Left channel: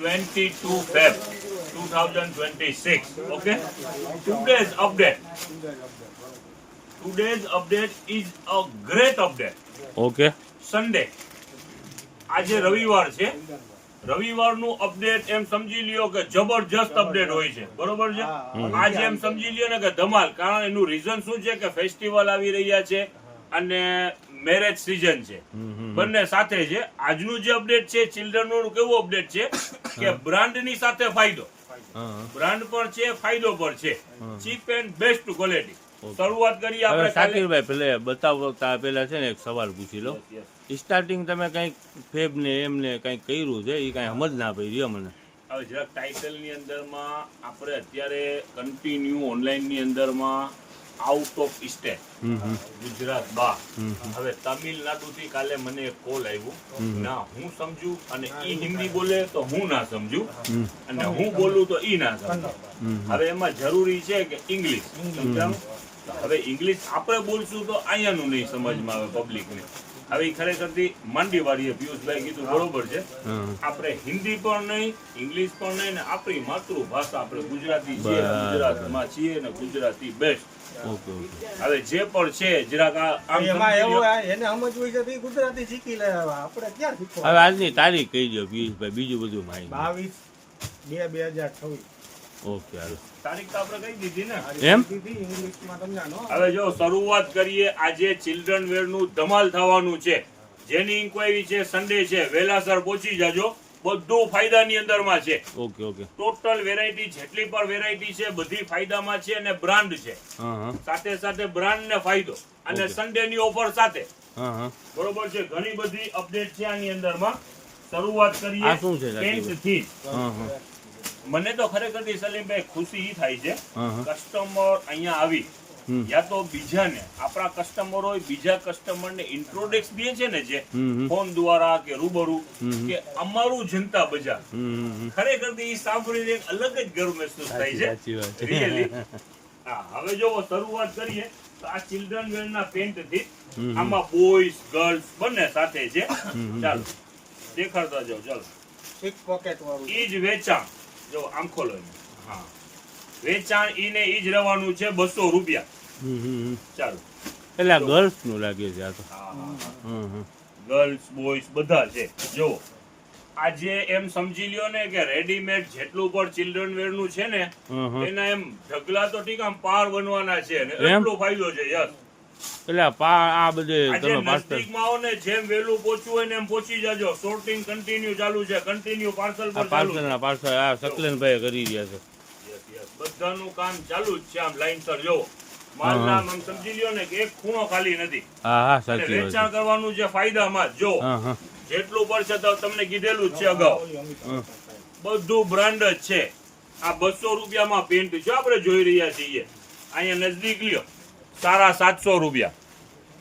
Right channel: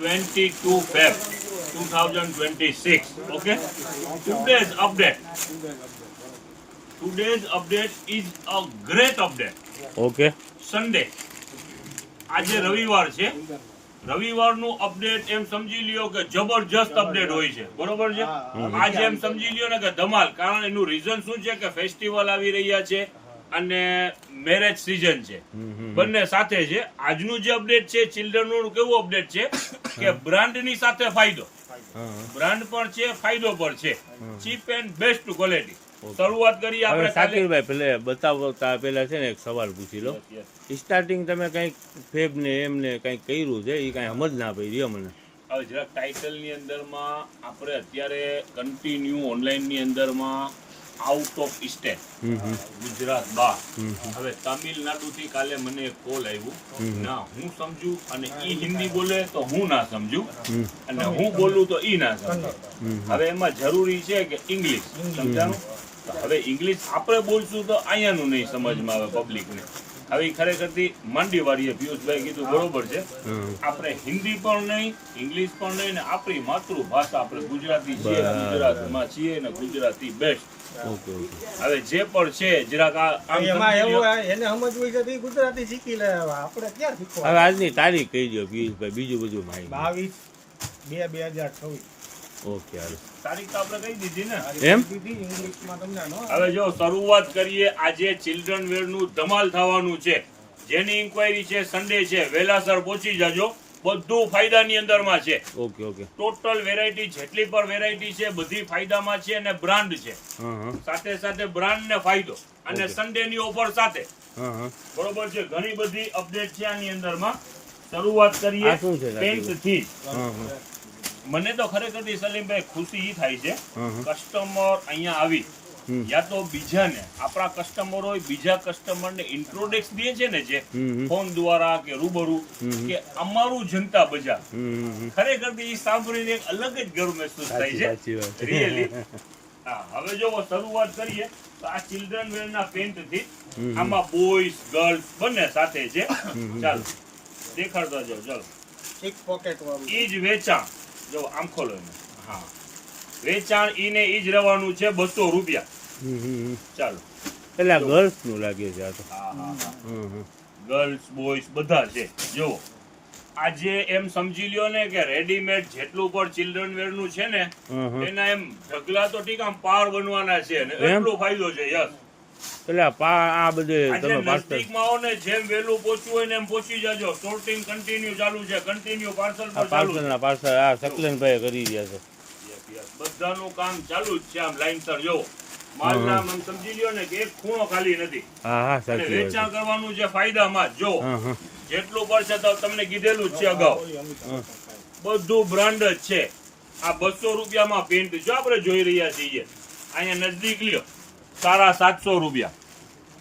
22 Feb 2026. Okay. Today's update is a great update. Okay Sunday, આજે રવિવાર છે. રવિવારનું update એમ સમજી લ્યો કે જબરજસ્ત અપડેટ હોય છે, બરોબર છે. આજે એમ સમજી લ્યો ને કે ધમાલ, કારણ એનું રીઝન શું છે કે ફેસ્ટિવલ આવી રહ્યા છે અને મેરેજ સીઝન છે, બંને સાથે છે. આજનું જે અપડેટ છે ચિલ્ડ્રન નું કેવું અપડેટ છે કે બ્રાન્ડ ની સાથે ફાયદો, બ્રાન્ડ પણ છે, ફાયદો પણ છે, ચીપ એન્ડ બેસ્ટ ક્વોલિટી. શરૂઆત કરીએ આપણે. શાકિરભાઈ પેલે બતાવતા પેલા છે ને એક સવાલ પૂછી લો. સ્ટાર્ટિંગ તમે કઈક ફેબ ને એમને કઈક કર્યું છે, એ કઈ સમજ ના પડી મને. હવે જરાક ટાઇટલ ની અંદરમાં આપણે અત્યારે કન્ટિન્યુ ઓનલાઈન ની અંદરમાં આઉટ ઓફ સ્ટેટ, ગુજરાત બહાર. હવે તમિલનાડુ થી કાલે મને એક કોલ આવ્યું, ના હું સમજુ અને ઈ હિન્દી બોલે તો હું ના સમજુ, અને હું બોલું તો ઈ ના સમજુ. હવે એમાં જરૂરી છે કે ઇંગ્લિશ સમજાવું. હવે ઇંગ્લિશ આપણે બોલશું તો અહીંયાનું નહીં સમજમાં આવે પબ્લિક ને. હવે ખરેખરથી માંડી વાળીએ પિયુષભાઈ કીધું બરોબર છે. આપણે હિન્દી પણ નહીં, ઇંગ્લિશ પણ નહીં, ને આપણી માતૃભાષા આપણે ગુજરાતી છીએ, ગુજરાતમાં છીએ ને ગુજરાતી બેસ્ટ. હવે જે પણ છે જરાક એને સમજવું છે ગુજરાતી શીખી લે. આપણે ક્યાં શીખવા. હવે આજની તારીખ કહી દો પિયુષભાઈ, બીજું બધું માહિતી. 22/2/2026. ઓકે હાલો, તારીખ તો આપણે કહી દીધી ને એમ. ઇંગ્લિશમાં તમને હવે જો શરૂઆત કરીએ. આજે ચિલ્ડ્રન વેર નું ધમાલ થવાનું છે. જેની ઇન્ક્વાયરી છે સન્ડે છે, વહેલાસર પહોંચી જાજો. બધું ફાયદાની અંદરમાં છે. Okay okay. ટોટલ વેરાયટી જેટલી પણ વેરાયટી છે બધી ફાયદામાં છે અને બ્રાન્ડ છે. સાથે સાથે બ્રાન્ડ ને ફાયદો અને સન્ડે ની ઓફર સાથે. બરોબર છે. ઘણી બધી અપડેટ છે આની અંદરમાં. શરૂઆત કરીએ પેન્ટથી. મને તો ખરેખર સલીમભાઈ ખુશી ઈ થાય છે, કસ્ટમર અહીંયા આવી યા તો બીજાને, આપણા કસ્ટમર હોય બીજા કસ્ટમર ને ઇન્ટ્રોડક્સ દે છે ને, જે ફોન દ્વારા કે રૂબરૂ કે અમારું જનતા બજાર, ખરેખર એ સાંભળીને એક અલગ જ ગર્વ મહેસૂસ થાય છે રિયલી. હવે જો શરૂઆત કરીએ તો આ ચિલ્ડ્રન વેર ના પેન્ટ થી. આમાં બોયઝ ગર્લ્સ બંને સાથે છે. ચાલો દેખાડતા જાઓ. ચાલો એક પોકેટ વાળું ઈ જ વેચાણ. જો આમ ખોલો. હા, વેચાણ ઈને ઈ જ રહેવાનું છે 200 રૂપિયા. ચાલો. એટલે ગર્લ્સ નું લાગે છે આ તો. ગર્લ્સ બોયઝ બધા છે. જો આજે એમ સમજી લ્યો ને કે રેડીમેડ જેટલું પણ ચિલ્ડ્રન વેર નું છે ને, એના એમ ઢગલા તો ઠીક આમ પાર બનવાના છે ને એટલો ફાયદો છે. યસ. એટલે આ બધે તમે નજદીકમાં આવો ને, જેમ વહેલું પહોંચવું હોય ને એમ પહોંચી જાજો. સોર્ટિંગ કન્ટિન્યુ ચાલુ છે. કન્ટિન્યુ પાર્સલ ના પાર્સલ આ સકલેનભાઈ કરી રહ્યા છે. બધાનું કામ ચાલુ જ છે. આમ લાઈનસર જોવો. માલના આમ સમજી લ્યો ને કે એક ખૂણો ખાલી નથી. હા સાચી વાત. વેચાણ કરવાનું છે ફાયદામાં. જો જેટલું પડશે તો તમને કીધેલું જ છે અગાઉ. બધું બ્રાન્ડ જ છે. આ 200 રૂપિયામાં પેન્ટ જો આપણે જોઈ રહ્યા છીએ. અહીંયા નજદીક લ્યો, સારા 700 રૂપિયા.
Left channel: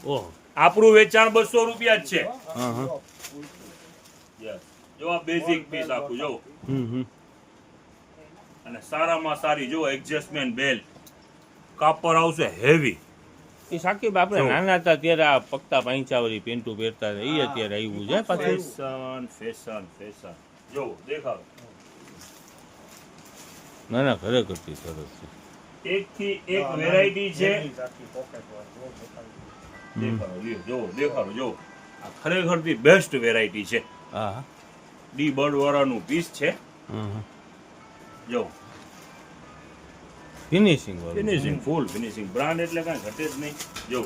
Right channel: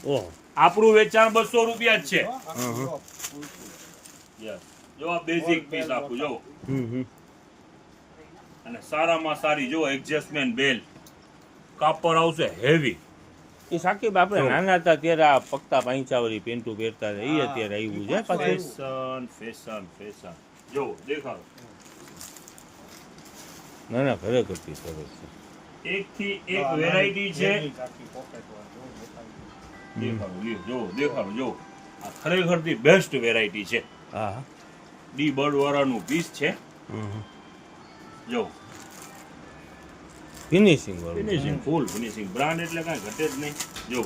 ઓહો, આપણું વેચાણ 200 રૂપિયા જ છે. જો આ બેઝિક પીસ આપું જો. અને સારામાં સારી જો એડજસ્ટમેન્ટ બેલ્ટ. કાપડ આવશે હેવી. એ સાકીબ આપણે નાના હતા ત્યારે આ પગતા પાંચાવાળી પેન્ટો પહેરતા હતા, એ અત્યારે આવ્યું છે પાછું. ફેશન જો દેખાડો. ના ના ખરેખર સરસ છે. એક થી એક વેરાયટી છે. દેખાડો જો. આ ખરેખર થી બેસ્ટ વેરાયટી છે. હા, ડી બર્ડ વાળાનું પીસ છે. જો ફિનિશિંગ વાળું, ફિનિશિંગ ફૂલ ફિનિશિંગ. બ્રાન્ડ એટલે કાંઈ ઘટે જ નહીં. જો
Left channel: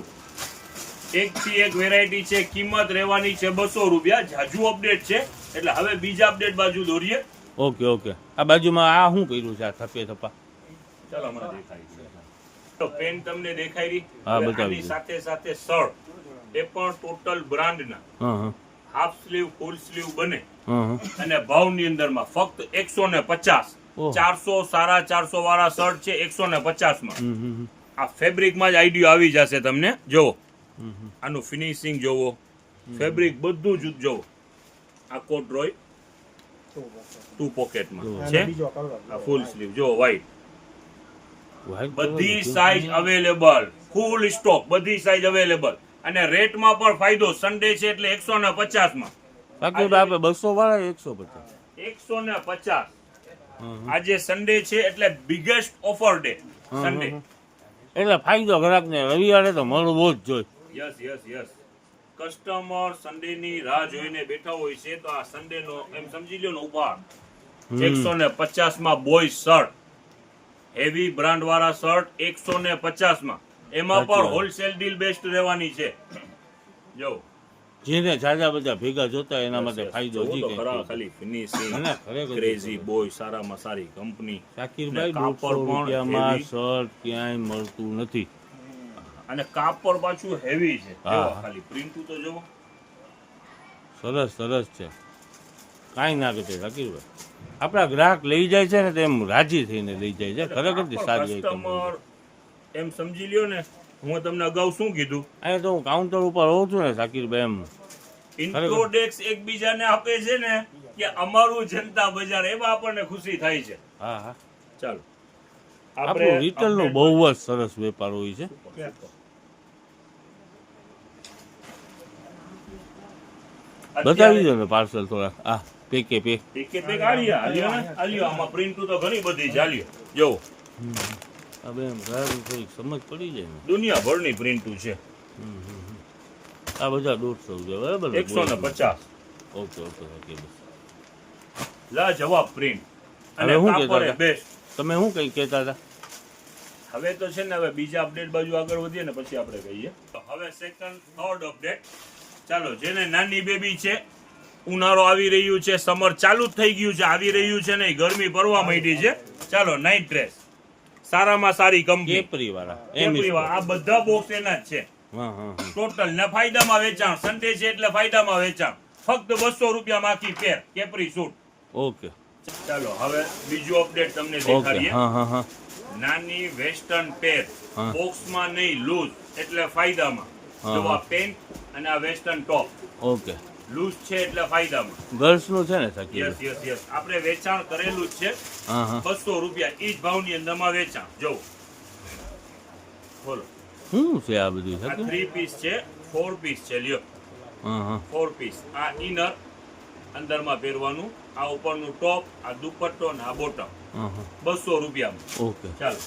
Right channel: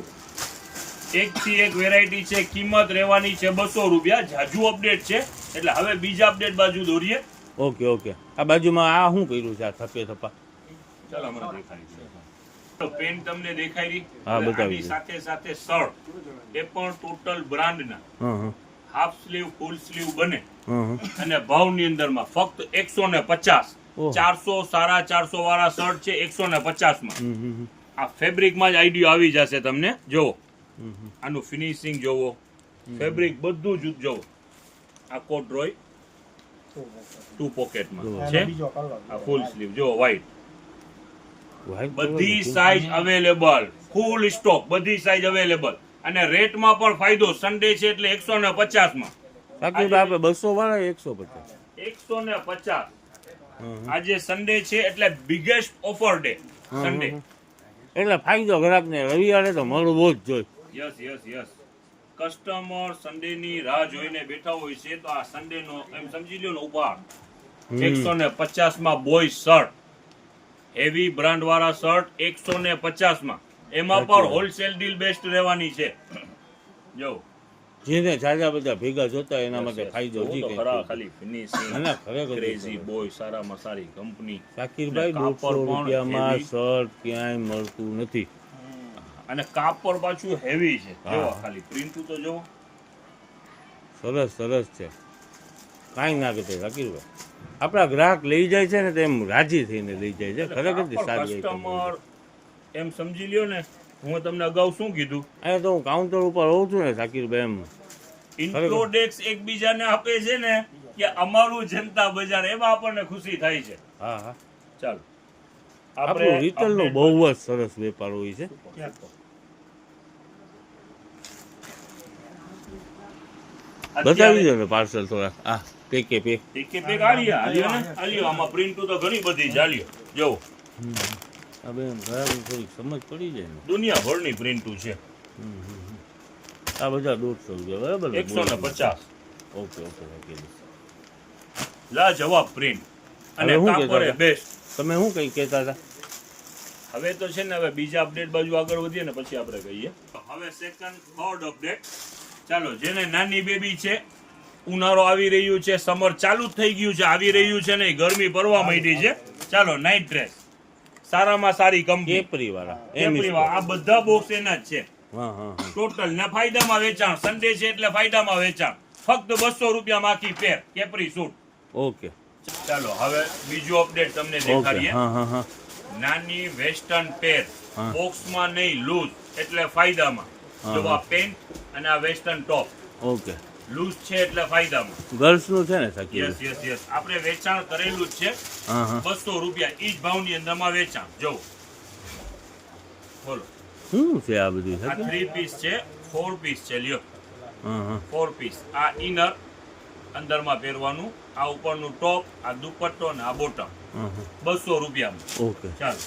એક થી એક વેરાયટી છે. કિંમત રહેવાની છે 200 રૂપિયા. જાજુ અપડેટ છે એટલે હવે બીજા અપડેટ બાજુ દોરીએ. Okay okay. આ બાજુમાં આ શું કર્યું છે? આ થપે થપા. ચાલો હમણાં દેખાય છે. તો પેન તમને દેખાઈ રહી. હા, બતાવી આની સાથે સાથે શર્ટ એ પણ ટોટલ બ્રાન્ડના. હાફ સ્લીવ ફૂલ સ્લીવ બને. અને ભાવની અંદરમાં ફક્ત 150. 400 સારા 400 વાળા શર્ટ છે 150 માં. આ ફેબ્રિક માં જ આઈડિયો આવી જશે તમને. જો આનું ફિનિશિંગ જોવો, ફેબ્રિક બધું જ જોવો. આ કોડરોય 2 પોકેટમાં છે. આ ફૂલ સ્લીવ જો વ્હાઈટ. બધી સાઈઝ અવેલેબલ, ફૂલ સ્ટોક, બધી સાઈઝ અવેલેબલ. અને રેટમાં પણ ફાયદો. સન્ડે છે એટલે 150 માં. બાકી આપણે 200 વાળા 150. 150. હમ. આજે સન્ડે છે એટલે બિગેસ્ટ ઓફર ડે સન્ડે. એટલે ફાયદો ગ્રાહકને રવિવારે તો મળવો જ જોઈએ. યસ કસ્ટમર સન્ડે ની રાહ જોઈને બેઠા હોય છે તો આ સન્ડે નો એમ સમજી લ્યો ને ઉપહાર. 150 માં બોય શર્ટ, હેવી બ્રાન્ડ વાળા શર્ટ 150 માં. એમાં સાચી પણ વાત. હોલસેલ ડીલ બેસ્ટ રહેવાની છે. જો જેને જાજા બધા ભેગા જોતા હોય એના માટે ફાયદો જોવો જી તો કંઈક ખરા થાય. ખાલી ફિનિશિંગ ના, ના, ખરેખર ક્રેઝી બોય સારામાં સારી કંપની. શાકીરભાઈ ને કાપડ 150 પણ રૂપિયામાં heavy. શર્ટ ક્યાંય મળતું નથી. અને કાપડ પાછું હેવી છે. હા. જો ખાલી પ્રિન્ટ તો જો. સરસ છે. કાંઈ ના કહેતા શાકીરભાઈ. આપણા ગ્રાહક લઈ જાય છે ને તો એમ રાજી થઈને લઈ જાય છે. ખરેખર જ સારી આઈટમ કસ્ટમર એમ સમજી લ્યો ને, હું તમને અગાઉ શું કીધું, અહીંયા તો હું કાઉન્ટર ઉપર હોઉં છું ને શાકીરભાઈ એમ ઇન્ટ્રોડેક્સ એકબીજાને આપે છે ને કે અમારું જનતા બજાર, એમાં આપણને ખુશી થાય છે. હા ચાલો આપણું રિટેલનો update બહુ જ સરસ વેપાર હોય છે. બતાવી દો ને પાર્સલ થોડા. આ પેકે પે પેક આલ્યો આમાં પ્રિન્ટ તો ઘણી બધી છે. આલ્યો જો હવે એમ ગ્રાહકને થોડીક સમજ પડી જાય ને. દુનિયાભરની પ્રિન્ટ છે. આ બધા 150 રૂપિયા બરાબર ને? 150 ઓકે શાકીરભાઈ. લાજવાબ પ્રિન્ટ અને હવે શું કહેતા કાપડ હતા? બેસ્ટ. તમે શું કંઈ કહેતા હતા? હવે તો છે ને, હવે બીજા અપડેટ બાજુ આગળ વધીએ ને પછી આપણે કહીએ. હવે સેકન્ડ થર્ડ અપડેટ. ચાલો, જેને નાની બેબી છે, ઉનાળો આવી રહ્યું છે, સમર ચાલુ જ થઈ ગયું છે, આવી રહ્યું છે ને, ગરમી પડવા માંડી છે. ચાલો, નાઇટ ડ્રેસ સારામાં સારી કંપની કેપરી વાળા આ બધા બોક્સ એના જ છે. હા ટોટલ ને ફાયદામાં વેચાણ. સન્ડે છે એટલે ફાયદામાં વેચાણ. ફક્ત 200 રૂપિયામાં આખી પેર કેપરી સૂટ. ઓકે ચાલો, હવે બીજું અપડેટ તમને ઓકે દેખાડીએ. હા નાની વેસ્ટર્ન પેર, હા. બોક્સમાં નહીં, લૂઝ એટલે ફાયદામાં. હા, જો આ હા. પેન્ટ અને આ વેસ્ટર્ન ટોપ ઓકે લૂઝ છે એટલે ફાયદામાં. ગર્લ્સનું છે ને શાકીરભાઈ? યસ આપણે વેચાણ કરેલું જ છે. હા 200 રૂપિયા ઈ જ ભાવની અંદરમાં વેચાણ. જો બોલો, શું છે આ બધું આ શાકીરભાઈ? 3 પીસ છે, 4 પીસ છે. લ્યો હા 4 પીસ. આ ઇનર અંદરમાં પહેરવાનું, આ ઉપરનું ટોપ, આ દુપટ્ટો અને આ બોટમ. 200 રૂપિયામાં. ઓકે ચાલો,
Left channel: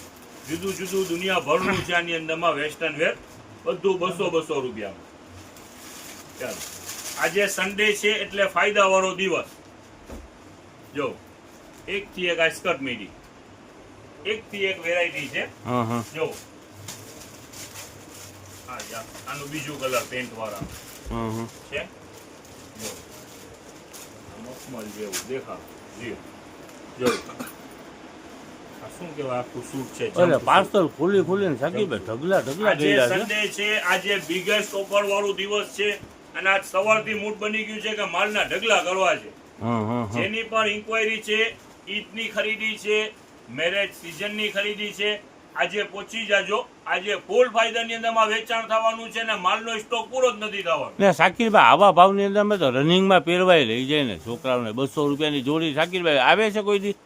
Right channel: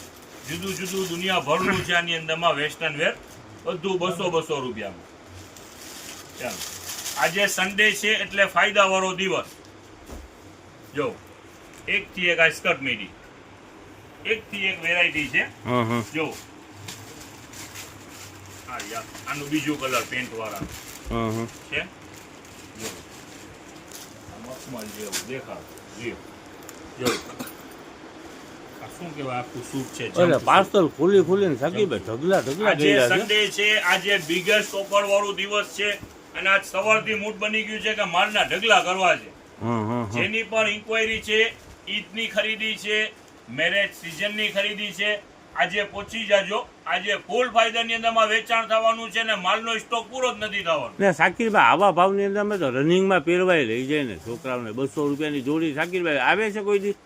જુદું દુનિયાભરનું છે આની અંદરમાં વેસ્ટર્ન વેર, બધું 200 રૂપિયામાં. ચાલો, આજે સન્ડે છે એટલે ફાયદા વાળો દિવસ. જો એકથી એક આ સ્કર્ટ મીડી, એકથી એક વેરાયટી છે. હા જો હા યાર, આનું બીજું કલર પેન્ટ વાળા છે. જો આ મખમલ જેવું દેખાવ. જો આ શું કહેવાય, આખું સૂટ છે. એટલે પાર્સલ ખોલીને શાકીરભાઈ ઢગલા આજે ગયેલા છે. સન્ડે છે, આજે બિગેસ્ટ ઓફર વાળું દિવસ છે અને આજ સવારથી મૂડ બની ગયું છે કે માલના ઢગલા કરવા છે. હા જેની પણ ઇન્ક્વાયરી છે, ઈદની ખરીદી છે, મેરેજ સિઝનની ખરીદી છે, આજે પહોંચી જાજો. આજે ફૂલ ફાયદાની અંદરમાં વેચાણ થવાનું છે ને માલનો સ્ટોક પૂરો જ નથી થવાનો. ને શાકીરભાઈ આવા ભાવની અંદર અમે તો રનિંગમાં પહેરવાય લઈ જાય ને છોકરાઓને. 200 રૂપિયાની જોડી શાકીરભાઈ આવે છે કોઈ દી?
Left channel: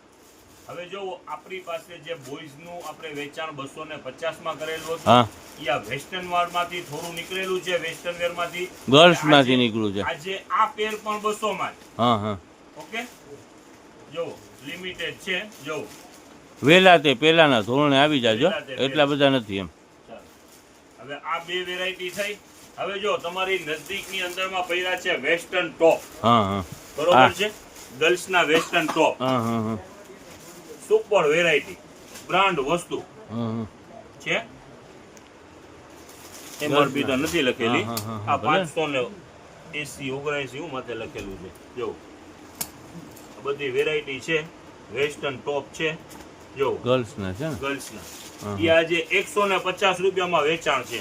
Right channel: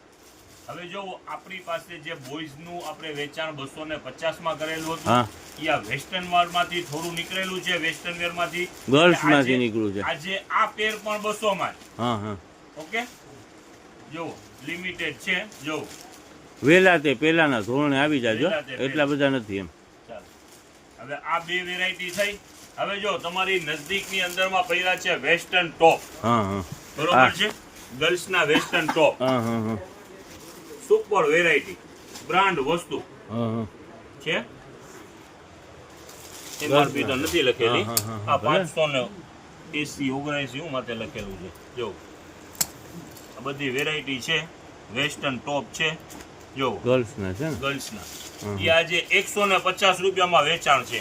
હવે જો આપણી પાસે જે બોયઝનું આપણે વેચાણ 250 માં કરેલું હતું, હા ઈ આ વેસ્ટર્ન વેરમાંથી થોડું નીકળેલું છે, વેસ્ટર્ન વેરમાંથી. ગર્લ્સમાંથી આજે- નીકળ્યું છે. આજે આ પેર પણ 200 માં જ. હા ઓકે, જો લિમિટેડ છે. જો વેલા તે પેલાના ધોરણે આવી જાજો. વહેલા તે એટલા બધા નથી એમ. ચાલો, હવે આ બે વેરાયટી થઈ. હવે જો તમારી નજદીકની અંદરમાં પડ્યા છે વેસ્ટર્ન ટોપ. હા બરોબર છે, ગર્લ્સના વેસ્ટર્ન ટોપ. હા સુપર વેરાયટી, બ્રાન્ડ વસ્તુ છે. એમઆરપી તો નથી લખેલી. હા, હા, હા, આ ભલે. 580 79 માથે લખેલું છે. જો આ બધી વેરાયટી છે, વેસ્ટર્ન ટોપ છે. જો ગર્લ્સના છે ને? ગર્લ્સના હા. એ આજે 150 રૂપિયામાં વેચાણ છે.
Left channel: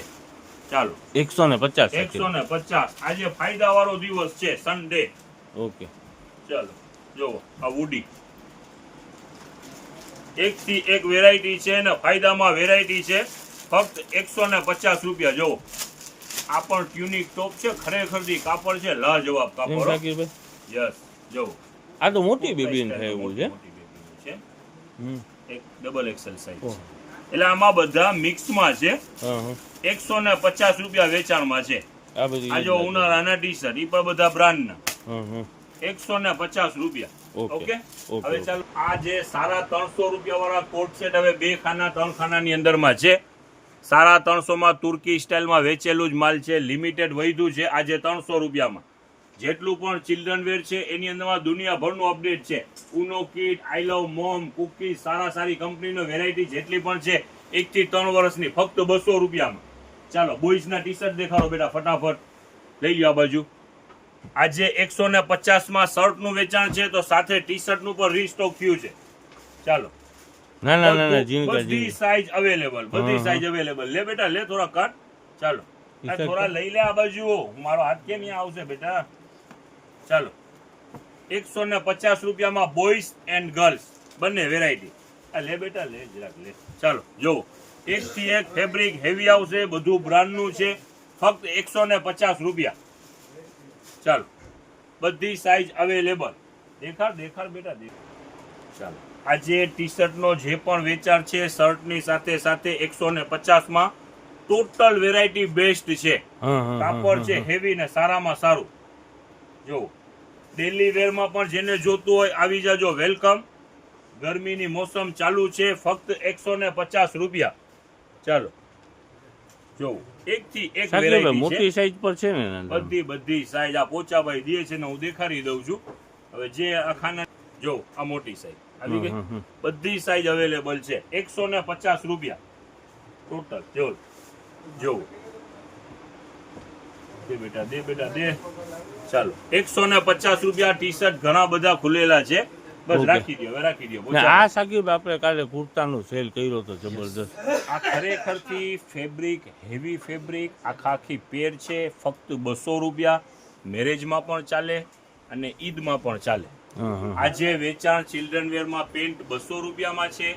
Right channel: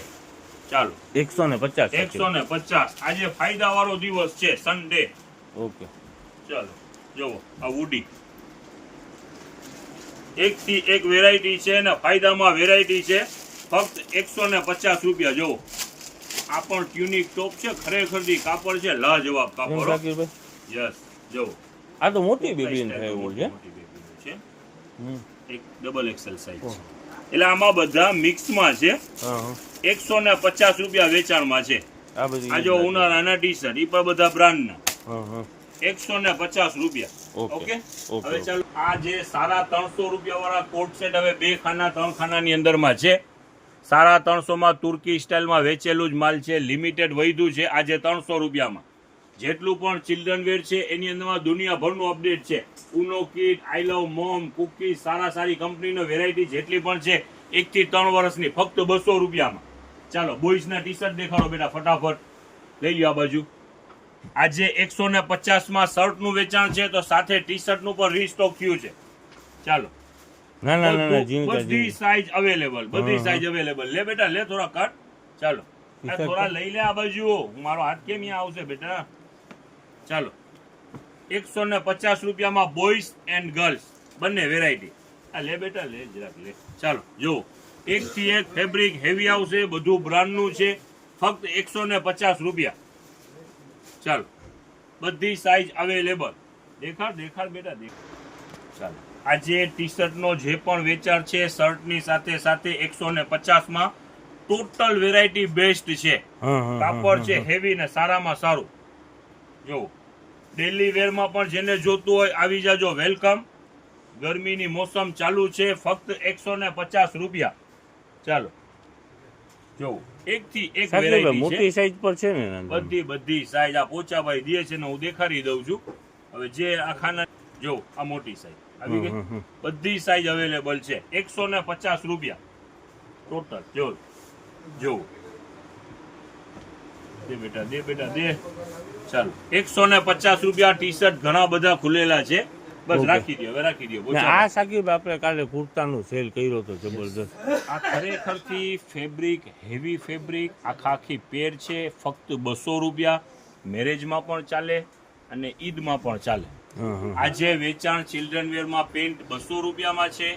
ચાલો, 150. 150. આજે ફાયદા વાળો દિવસ છે, સન્ડે. ઓકે ચાલો, જોવો આ વુડી, એકથી એક વેરાયટી છે ને ફાયદામાં વેરાયટી છે. ફક્ત 150 રૂપિયા. જોવો આ પણ ટ્યુનિક ટોપ છે, ખરેખર કાપડ છે લાજવાબ એમ કાપડ. શાકીરભાઈ? યસ, જોવો આ તો મોટી બેબીને થાય એવું છે. મોટી બેબીનું છે. હમ. એક ડબલ એક્સેલ સાઈઝ ઓહ. છે. એટલે આમાં બધા મિક્સમાં છે. હા 150 રૂપિયા વેચાણમાં છે. આ બધી આ જો ઉનાળાના ટી શર્ટ, એ પણ બધા બ્રાન્ડના. 150 રૂપિયા. ઓકે. ઓકે, ઓકે, હવે ઓકે. ચાલો આ જે સારા 300 રૂપિયા વાળા કોટ સેટ હવે 2 ખાના 3 ખાનાની અંદરમાં છે. સારા 300 માં તુર્કી સ્ટાઇલમાં વેચેલું જ માલ છે, લિમિટેડ વૈધું છે. આજે 300 રૂપિયામાં જેટલું પણ ચિલ્ડ્રન વેર છે એની અંદરમાં દુનિયાભરનું અપડેટ છે. ઉનો કિટ, આઈ લવ મોમ, કુકી, સારી કંપનીનો વેરાયટી જેટલી પણ છે 1 થી 3 વર્ષની ફક્ત 200 રૂપિયામાં. ચાલો બોಯ್સના ટી શર્ટ દેખાડો બેટા ફટાફટ, લઈ લ્યો આ બાજુ. આજે 150 માં શર્ટનું વેચાણ છે તો સાથે ટી શર્ટનું પણ રીસ્ટોક થયું છે. ચાલો ના ના ના ના જીનકા બધી જીનકા સાઈઝ અવેલેબલ, બધી સાઈઝ અવેલેબલ. લે બેટા લે, થોડા કટ. ચાલો આ થોડા લઈ લે આ બાજુ, મારો હાથ કે નહીં આવશે બેટા. ચાલો 150 રૂપિયામાં બોયઝ એન્ડ ગર્લ્સ બંને વેરાયટી. આ લે બેટા લે, જરાક લે. ચાલો જો 1 થી 1 ફેબ્રિક હેવી આવશે, બધું બ્રાન્ડનું છે, ફક્ત 150 રૂપિયા. ચાલો બધી સાઈઝ અવેલેબલ. દેખાડ બેટા દેખાડ. ચાલો આજે ટી શર્ટનો જે પણ વેચાણ છે શર્ટની સાથે સાથે 150 માં ટોટલ વેરાયટી બેસ્ટ છે. કાપડ છે હેવી ને સારામાં સારું. જો ડેલી વેરમાં પણ જેને જોતું હોય આવી જાજો, વેલકમ. ગરમીની મોસમ ચાલુ છે, ફક્ત 150 રૂપિયા. ચાલો જો 1 થી 1 સાચી વેરાયટી મોટી સાઈઝ પર છે ને નાના? બધી સાઈઝ આ પોચાભાઈ દે છે ને હું દેખાડી દઉં છું. હવે જે આ ખાના જો આ મોટી સાઈઝ આવી ગઈ, બધી સાઈઝ અવેલેબલ છે. 150 રૂપિયા ટોટલ. જો દે બેટા દે. ચાલો 150 રૂપિયા ટી શર્ટ ઘણા બધા ખુલેલા છે. બસ ઓકે. રાખી દો, હવે રાખી દો. ના, આ સાકીબ આપણે કાલે કુર્તાનું સેલ કર્યો તો જબરદસ્ત. આ ખરેખરથી ફેબ્રિક હેવી ફેબ્રિક આખી પેર છે, ફક્ત 200 રૂપિયા. મેરેજમાં પણ ચાલે અને ઈદમાં પણ ચાલે. આજે વેચાણ ચિલ્ડ્રન વેરમાં પેન્ટ 200 રૂપિયામાં છે.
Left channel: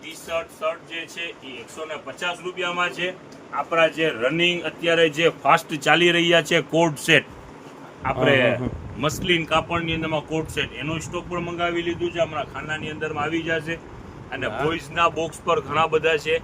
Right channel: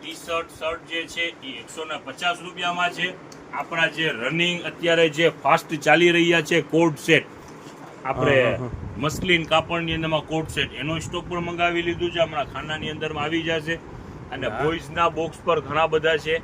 ટી શર્ટ જે છે એ 150 રૂપિયામાં છે. આપણા જે રનિંગ અત્યારે જે ફાસ્ટ ચાલી રહ્યા છે કોટ સેટ, આપણે મસલિન કાપડની અંદરમાં કોટ સેટ, એનો સ્ટોક પણ મંગાવી લીધું છે. હમણાં ખાનાની અંદરમાં આવી જશે. અને બોಯ್સના બોક્સ પર ઘણા બધા છે.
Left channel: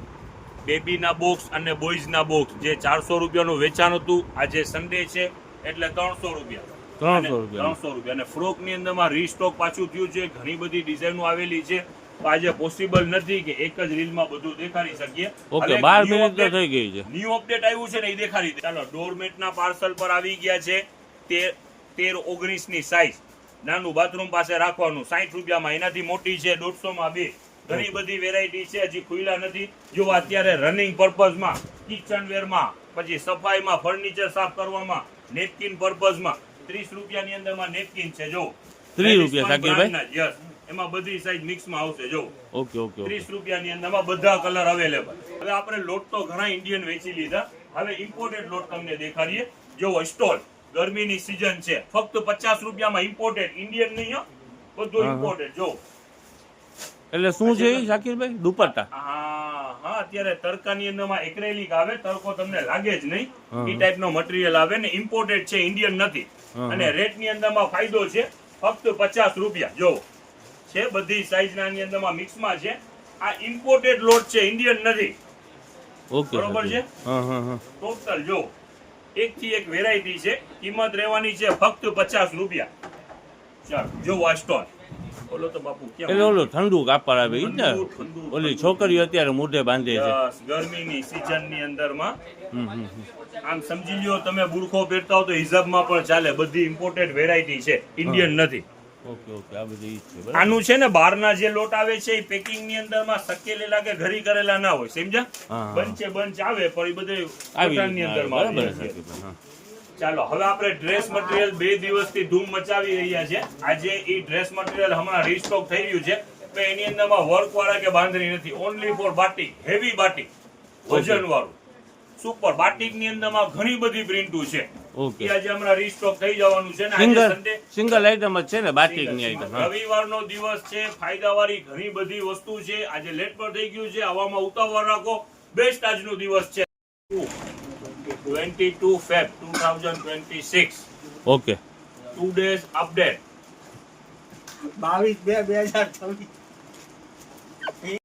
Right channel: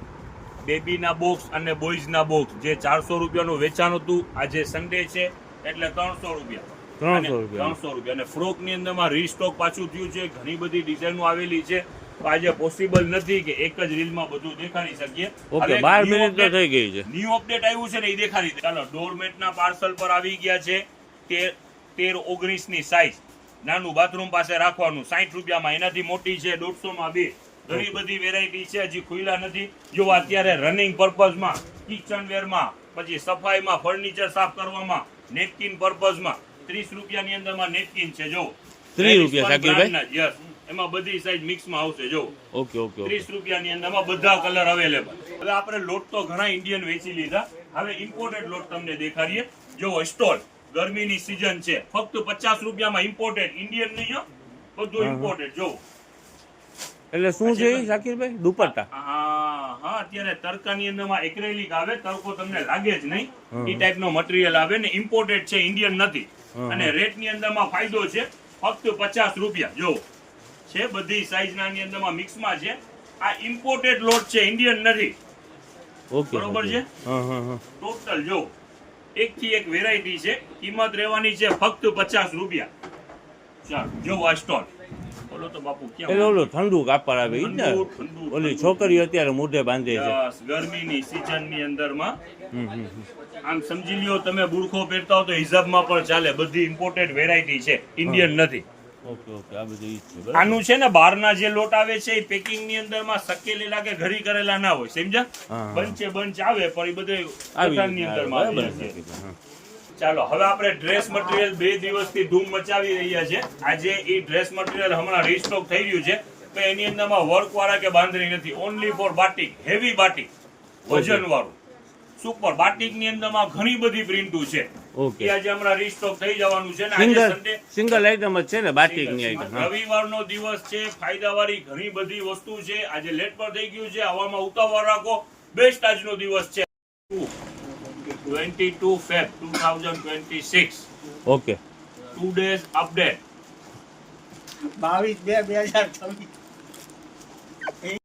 બેબીના બોક્સ અને બોಯ್સના બોક્સ જે 400 રૂપિયાનું વેચાણ હતું, આજે સન્ડે છે એટલે 300 રૂપિયા. 300 રૂપિયા. અને ફ્રોક ની અંદરમાં રીસ્ટોક પાછું થયું છે. ઘણી બધી ડિઝાઇનો આવેલી છે. તો આજે પોસિબલ નથી કે એક જ રીલમાં બધું દેખાડી શકીએ. ઓકે, 12 મિનિટ તો થઈ ગઈ છે. ન્યુ અપડેટ આવ્યું છે ને એ દેખાડી દે. ચાલો ડોરમેટના પાર્સલ પર આવી ગયા છે. 13-19 ની સાઈઝ, નાનું બાથરૂમ પાસે રાખવાનું 60 રૂપિયામાં. એનાથી મોટી છે 150 માં 2. ઘણી બધી વેરાયટી છે, હજી ખુલ્લા નથી. જો અત્યારે રનિંગ પર્પઝમાં, કિચન વેરમાં, પછી સફાઈમાં, ફર્નિચર સાફ કરવામાં, નેપકિન પર્પઝમાં 30 રૂપિયાની અંદરમાં નેપકિન છે. જો 30 રૂપિયા સાકીરભાઈ? યસ, એમાં બધી સાઈઝ મિક્સમાં આવશે. જો ઓકે 30 રૂપિયાની અંદરમાં બધા કલર અવેલેબલ. હવે આપણે લોટ તો ઘણા ઇન્ડિયન વેચી લીધા, હવે ઇમ્પોર્ટેડ લોટ તમને દેખાડીએ. જો સ્ટોલ, ગરમીની સીઝન છે, ફક્ત 50 રૂપિયામાં ઇમ્પોર્ટેડ, ઇન્ડિયન નહીં, બધું ઇમ્પોર્ટેડ. જો એટલે શું છે એ સાકીરભાઈ? દુપટ્ટા? હા અત્યારે તડકાની અંદરમાં એક્રેલિક આવે, તડકો તમને લાગે જ નહીં, એ ટાઈપનો મટીરીયલ આવે ને ઇમ્પોર્ટેડ છે, ઇન્ડિયન નથી. અને રેટ ની અંદરમાં ફાયદો છે, ફક્ત 50 રૂપિયા. જો છે બધી સાઈઝ ના અંદરમાં મિક્સમાં છે. આ ઇમ્પોર્ટેડ લોટ છે, ઇન્ડિયન નથી. ઓકે, બરોબર છે. ટોટલ જો 1 થી 1 વેરાયટી છે. કિંમત રહેવાની છે ફક્ત 50 રૂપિયા. ચાલો જો આ સ્ટોલ. બોલો તો બાપુ કેમ? એટલે ઓલું ઠંડુ કાપડ આવે ઈ ને? ઓલી છોકરીઓ અત્યારે મોઢે બાંધે છે. ગરમીની સીઝન ની અંદરમાં આમ સમજી લ્યો, તમે બુરખો પહેરતા હો તો હિજાબમાં પણ ચાલે. બધી ઇમ્પોર્ટેડ વેરાયટી છે, ઇન્ડિયન નથી. ઓકે આ બધું ઈ જ છે બરાબર. આનું છે ને બહારના જે લોટ આવે છે એ પેકિંગ ની અંદરમાં શકેલેલા કે ઘરી કરેલા ના હોય, સમજ્યા? બંચ આવે પણ એ બધે દુકાનની અંદરમાં આવી જશે. ચાલો હવે આપણે ડ્રેસ મટીરિયલ 2 દિવસથી ધૂમ મચાવી રહ્યા છે. આજે એ ડ્રેસ મટીરિયલ હમણાં રીસ્ટોક થઈ ગયું છે. એની અંદરમાં વર્ક વાળા કે બાંધણી નથી, only for batik, heavy batik, વજન વાળું સુપર. બાટિક ની અંદરમાં ઘણી બધી પ્રિન્ટો છે. ઓકે, આજે હમણાં રીસ્ટોક થઈ જવાનું છે ને. આજે સન્ડે સિંગલ આઈટમ જ છે ને બાટિકની આઈટમ? રવિવારનો દિવસ છે, ફાયદાવાળી ઘણી બધી વસ્તુ છે. આજે લેટ પર થઈ ગયું છે, હવામાં ઉતાવળ રાખો. બેસ્ટ આજનો દિવસ છે. 22 Feb 2026. Okay, 2 days update. 22/2/2023